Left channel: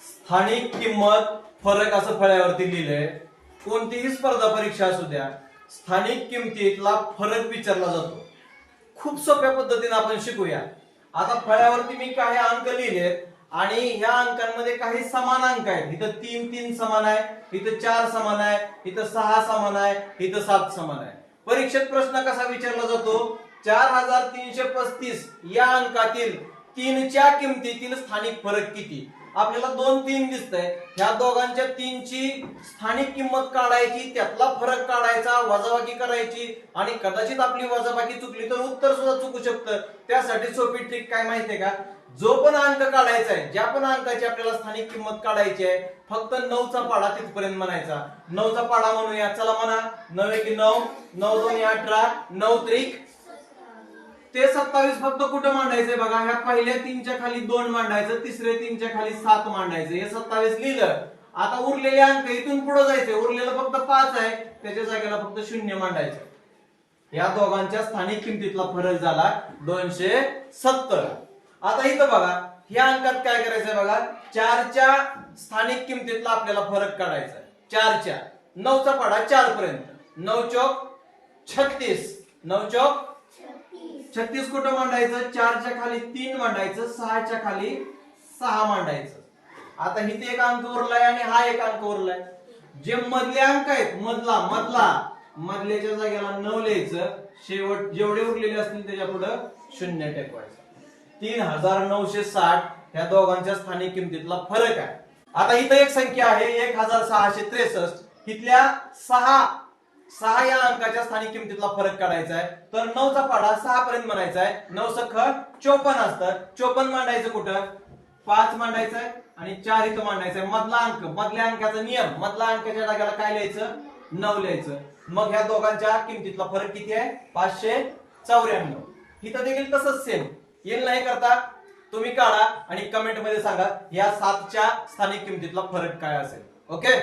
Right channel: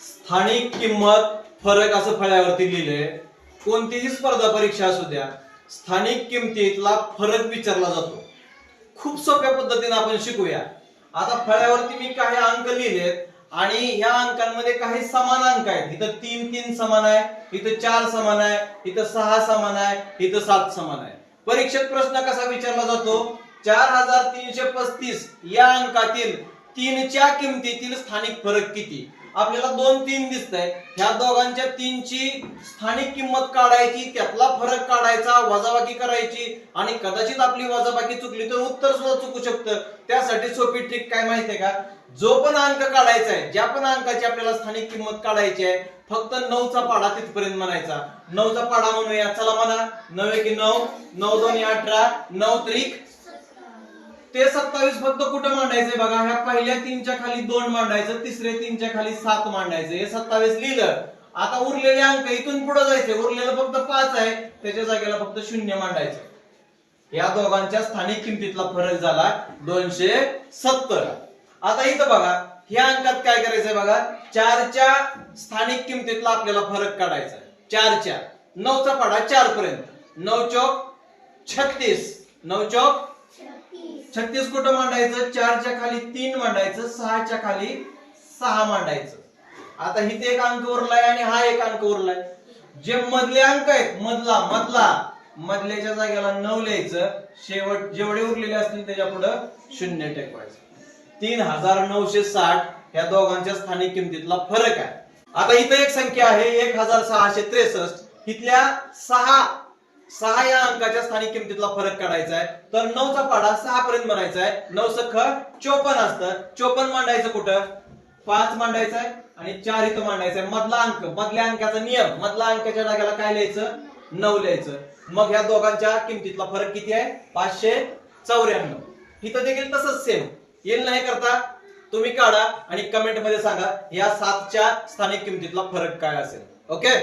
स्थानिक किंमत फरक असं फळ्यावरती लिहिलंय. कोणतीही स्पर्धा परीक्षा असू द्या स्थानिक किमतीतला फरक विचारला जातो. खूप सोप्या पद्धतीने आपण शिकूया. आता फळ्यावरती मी काही अंक लिहिलेत आणि ह्या अंकांमध्ये काही समान अंक आहेत. इथं तीन तीन समान आहे इथं चार समान आहे इथं सहा समान आहे इथं सात समान आहे. परीक्षेत प्रश्न कसा विचारला जातो? चार हजार तीनशे पस्तीस या अंकातील तीनच्या किमतीतील स्थानिक फरक किती? आपल्याला दोन तीन दिसत आहे ह्या दोघांच्या तीनची स्थानिक किंमत काढायची त्यातला फरक काढायचा वजाबाकी करायची आणि कदाचित आपली वजाबाकी चुकली तर उत्तर सुद्धा चुकू शकतं. त्यासाठी सोपी ट्रिक काय माहितीये का? जो पण अंक काढायचा आहे ज्या पण अंकाची आपल्याला स्थानिक किंमत काढायची आहे फक्त नऊचा पाडा तिथपर्यंत म्हणायचा. नऊचा पाडा म्हणूया चला म्हणा. नऊ की नऊ नऊ दोन अठरा नऊ त्रिक ते सत्तावीस फक्त कुठं मांडायचंय बघा? ह्या पहिल्या तीनच्या खाली दोन मांडायचं तिसऱ्या तीनच्या खाली सात मांडायचं. हे सत्तावीस लिहिलं. आता उरलेले अंक इथून पुढे जायचे उरलेलं फक्त पाच आहे. त्याच्या जागेला फक्त शून्य मांडायचं. या दोघांच्या स्थानिक किमतीतला फरक झाला दोनशे सत्तर. आता इथं बघा ह्या अंकात काय करायचंय बघा? चारच्या स्थानिक किमतीतला आपल्याला फरक काढायचा चारच्या. नऊचा पाडा चार पर्यंत नऊ चौक छत्तीस. नऊ चौक छत्तीस. कुठं मांडायचं? चारच्या खाली तीन मांडायचं सहाच्या खाली सहा मांडायचं. आता इथे एक अंक उरलाय आणि हा एक अंक उरलाय. जे मधले अंक आहेत मधला मधला मधल्याच्या जागेला नऊ लिहायचं. शेवट जेवढे उरलेले असतील त्याच्या पुढं शून्य टेकवायचं. तीन हजार नऊशे साठ या दोघांच्या स्थानिक किमतीतला फरक आहे. आता इथं एक संख्या आहे एक हजार सहाशे त्रेसष्ट. इथल्या सहा सहा या अंकाच्या स्थानिक किमतीतला फरक काढायचा आहे तर नऊचा पाडा सहा पर्यंत म्हणायचा आहे नऊ सख चोपन्न असतं. चोपन्न मांडायचं कुठं? पाच मांडायचं आहे आणि चार इथं मांडायचं आहे मधला अंक मधल्या अंकाचा नियम मधला अंकाच्या जागेला काय लिहायचं? नऊ लिहायचं. मग ह्या दोघांच्या किमतीतला फरक किती आहे? पाचशे चौऱ्याण्णव. इथं देखील तसंच सेम येईल नाही करता? तुम्ही काढा आणि कमेंटमध्ये सांगा या सातच्या स्थानिक किमतीतला फरक काय असेल? ओके